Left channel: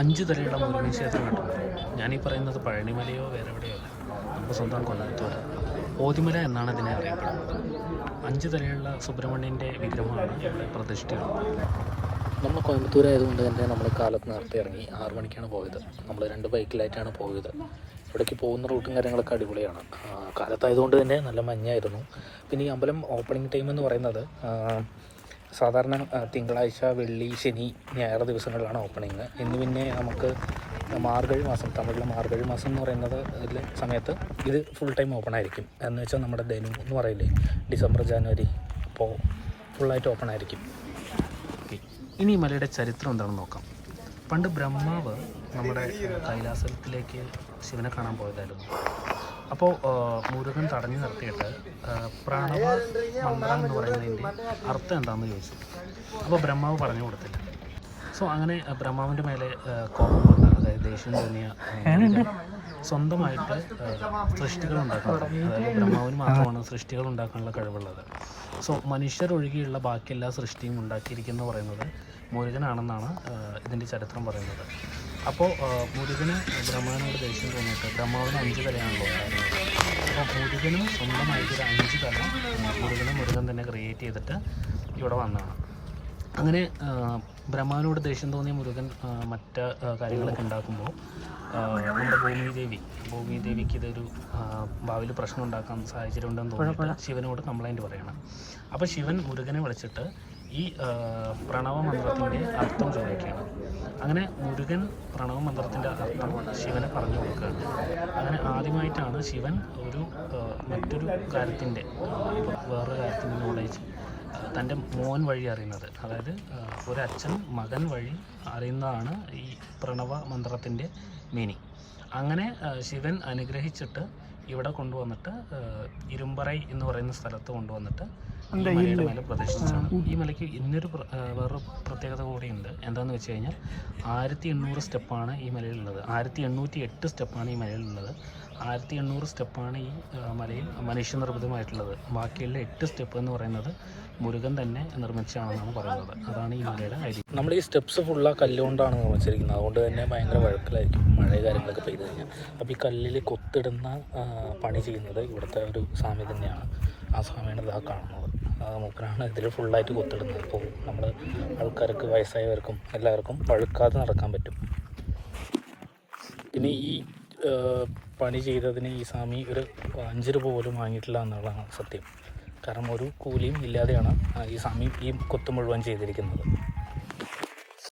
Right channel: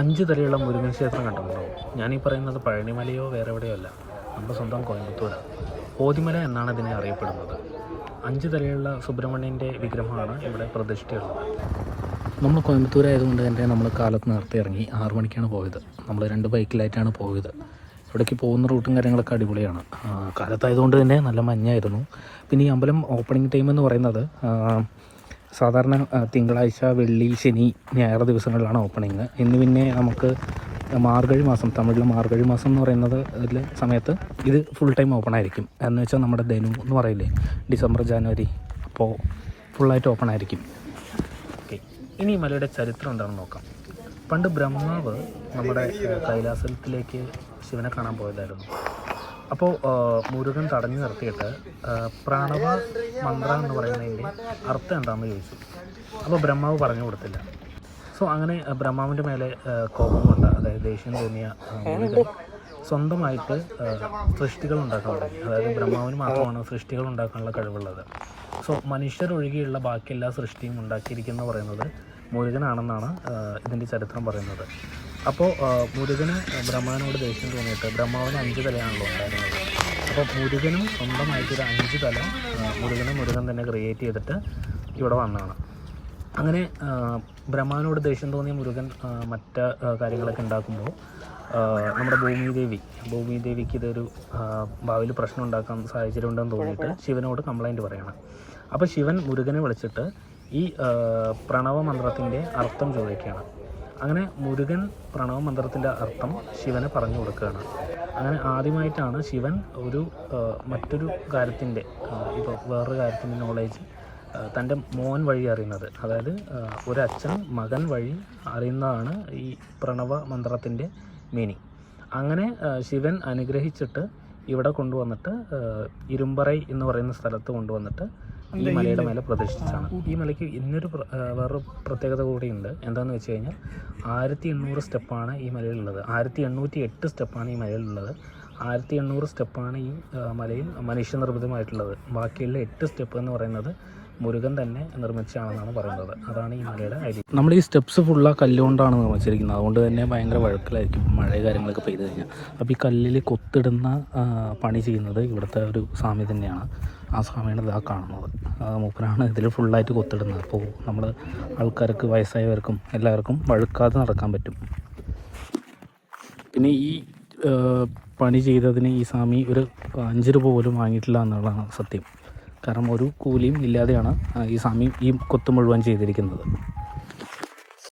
5 തലയുള്ള മുരുകൻ ക്ഷേത്രം കണ്ടിട്ടുണ്ടോ? ഞാനീ പറയുന്നത് പഴനിമലയോ വേറെ എവിടെയോ അല്ല, നമ്മുടെ സ്വന്തം കോയമ്പത്തൂരാണ്. ഓതിമല എന്നാണ് ഇതിനെ അറിയപ്പെടുന്നത്. 5 തലയുള്ള സുബ്രഹ്മണ്യൻ്റെ വിഗ്രഹമാണ് ഇവിടെ പ്രതിഷ്ഠയുള്ളത്. നമ്മൾ കോയമ്പത്തൂരായതുകൊണ്ട് തന്നെ നമ്മൾ കാലത്ത് നേരത്തെ ഇറങ്ങി 6 മണിക്കാണ് പോയത്. നമ്മൾ 2 ബൈക്കിലായിട്ടാണ് പോയത്. ഇവിടേക്ക് പോകുന്ന റൂട്ടും കാര്യങ്ങളൊക്കെ അടിപൊളിയാണ്. കാലത്തായതുകൊണ്ട് തന്നെ നല്ല മഞ്ഞായിരുന്നു. പിന്നെ ഈ അമ്പലം ഓപ്പണിംഗ് ടൈം എന്ന് പറയുന്നത് സാധാരണ തിങ്കളാഴ്ച, വെള്ളി, ശനി, ഞായർ ദിവസങ്ങളിലാണ് ഓപ്പണിങ്. ഇന്ന് പിന്നെ നമുക്ക് മാർഗഴി മാസം, തമിഴിലെ മാർഗഴി മാസം എന്ന് പറയുന്നത് ഇതിൽ സമയത്ത് ഇത് ഫുൾ ടൈം ഓപ്പൺ ആയിരിക്കും. എന്ന് വെച്ചാൽ നമ്മുടെ ധനു എന്ന് പറയില്ലേ, ഡിസംബർ, ജനുവരി, അപ്പോൾ ഫുള്ളായിട്ട് ഓപ്പൺ ആയിരിക്കും. ഓക്കെ, ഇനി ഈ മലയുടെ ചരിത്രം എന്താണെന്ന് നോക്കാം. പണ്ട് ബ്രഹ്മാവ് നമ്മുടെ കൈലാസത്തിലേക്ക് ശിവനെ കാണാൻ പോയതായിരുന്നു. അപ്പോൾ മുരുകൻ തടഞ്ഞു നിർത്തിയിട്ട് പ്രണവ മന്ത്ര എന്ന് പറയുന്നതിൻ്റെ അർത്ഥം എന്താണെന്ന് ചോദിച്ചു. അപ്പോൾ ബ്രഹ്മാവ് പറഞ്ഞു കൊടുത്തില്ല. സോ അങ്ങനെ ബ്രഹ്മാവിൻ്റെ മേലെ കോപം കൊണ്ട്, അതായത് ദേഷ്യം തോന്നിയ മുരുകൻ സ്വന്തമായിട്ട് സൃഷ്ടികൾ ഉണ്ടാക്കാൻ തുടങ്ങി. അതായത് ബ്രഹ്മാവിന് മാത്രമാണ് സൃഷ്ടികൾ ഉണ്ടാക്കാനുള്ള കഴിവുള്ളത്. സോ മനുഷ്യരൊഴികെയുള്ള ബാക്കി എല്ലാ സൃഷ്ടിയും ഉണ്ടാക്കിയിരിക്കുന്നത് പറയുന്നത് മുരുകനാണെന്നാണ് ഇതിൻ്റെ ചരിത്രം പറയുന്നത്. അപ്പോൾ മുരുകന് ബ്രഹ്മാവിനോട് ദേഷ്യം തോന്നിയിട്ട്, ബ്രഹ്മാവിന് 5 തലയാണല്ലോ ഉണ്ടായിരുന്നത്. അപ്പോൾ മുരുകനും സ്വന്തമായിട്ടൊരു 5 തല മുരുകൻ തന്നെ ക്രിയേറ്റ് ചെയ്തിട്ട് ഇവിടെ വന്നതാണ്. അങ്ങനെ ബ്രഹ്മാവിനോട് ദേഷ്യം തോന്നിയ മുരുകൻ മറ്റ് കാര്യങ്ങളൊക്കെ ഉണ്ടാക്കുമ്പോൾ നമ്മുടെ ഭൂമിദേവിക്ക് ഇതൊരു ഭാവിയിൽ പ്രശ്നം ഉണ്ടാക്കാൻ സാഹചര്യം ഉണ്ടെന്ന് തോന്നിയിട്ട് ശിവനോട് കംപ്ലൈൻറ്റ് പറയണം. അപ്പോൾ ശിവൻ മുരുകനെ വിളിച്ചിട്ട് ഈ പ്രണവ മന്ത്രത്തിൻ്റെ അർത്ഥം ചോദിക്കുകയാണ്. അങ്ങനെ മുരുകൻ പ്രണവ മന്ത്രത്തിൻ്റെ അർത്ഥം ശിവന് പറഞ്ഞു കൊടുക്കുകയാണ്. അങ്ങനെ ആദ്യമായിട്ടാണ് ശിവൻ മറ്റൊരു കാര്യത്തിൻ്റെ, ഇപ്പോൾ വേറൊരു കാര്യത്തിൻ്റെ നോളേജ് തൻ്റെ മോൻ വഴി അറിയുന്നത്. അതായത് ഒരച്ഛൻ മകൻ വഴി അറിയുന്നതാണ് ഈ പ്രണവ മന്ത്രത്തിൻ്റെ മീനിങ്. അങ്ങനെ ശിവൻ അനുഗ്രഹിച്ചിട്ട് ഇവിടെ കൊണ്ടുവന്നിട്ട് ഇരുമ്പറൈ എന്ന് പറയുന്ന സ്ഥലത്ത് കൊണ്ടുവന്നിട്ട് ഈ മലയുടെ മേലെ പ്രതിഷ്ഠിച്ചാണ്. ഈ മലയ്ക്ക് വേറൊരു പ്രത്യേകത കൂടിയുണ്ട്. എന്താണെന്ന് വെച്ച് കഴിഞ്ഞാൽ 1800 സ്റ്റെപ്പാണ് ഈ മലയിലുള്ളത്. 1808 സ്റ്റെപ്പാണ് ഈ മലയിലുള്ളത്. 1800 സ്റ്റെപ്പാണ് ഈ മലയിൽ മനുഷ്യനിർമ്മിതമായിട്ടുള്ളത്. ബാക്കിയുള്ള 8 സ്റ്റെപ്പ് എന്ന് പറയുന്നത് മുരുകൻ തന്നെ നിർമ്മിച്ചാണെന്നാണ് പറയുന്നത്. അതാണ് ഈ മലയുടെ ഐതിഹ്യം. നമ്മൾ ഈ സ്റ്റെപ്സ് ഫുള്ള് ആ കല്ലുകൊണ്ടാണ് നിർമ്മിച്ചിരിക്കുന്നത്. അതുകൊണ്ട് തന്നെ ഭയങ്കര വഴുക്കലായിരിക്കും മഴ കാര്യങ്ങളൊക്കെ പെയ്ത് കഴിഞ്ഞാൽ. അപ്പോൾ ഈ കല്ലിൽ കൊത്തിടുന്ന പണി ചെയ്യുന്നത് ഇവിടുത്തെ ഒരു സ്വാമി തന്നെയാണ്. ആ സ്വാമിയാണ് ഇതാ കാണുന്നത്. മൂപ്പനാണ് ഇതിൽ ഫുള്ളായിട്ട് കൊത്തിടുന്നത്. അപ്പോൾ നമ്മൾ ആൾക്കാർക്ക്, വയസ്സായവർക്കും എല്ലാവർക്കും വഴുക്കാതെ നടക്കാൻ പറ്റും. പിന്നെ ഈ പണി ചെയ്തതിന് ഈ സ്വാമി ഒരു 5 രൂപ പോലും വാങ്ങിയിട്ടില്ല എന്നുള്ളതാണ് സത്യം. കാരണം ഒരു കൂലിയും ഇല്ലാതെയാണ് ഈ സ്വാമി ഈ കൊത്ത് മുഴുവൻ ചെയ്തിരിക്കുന്നത്.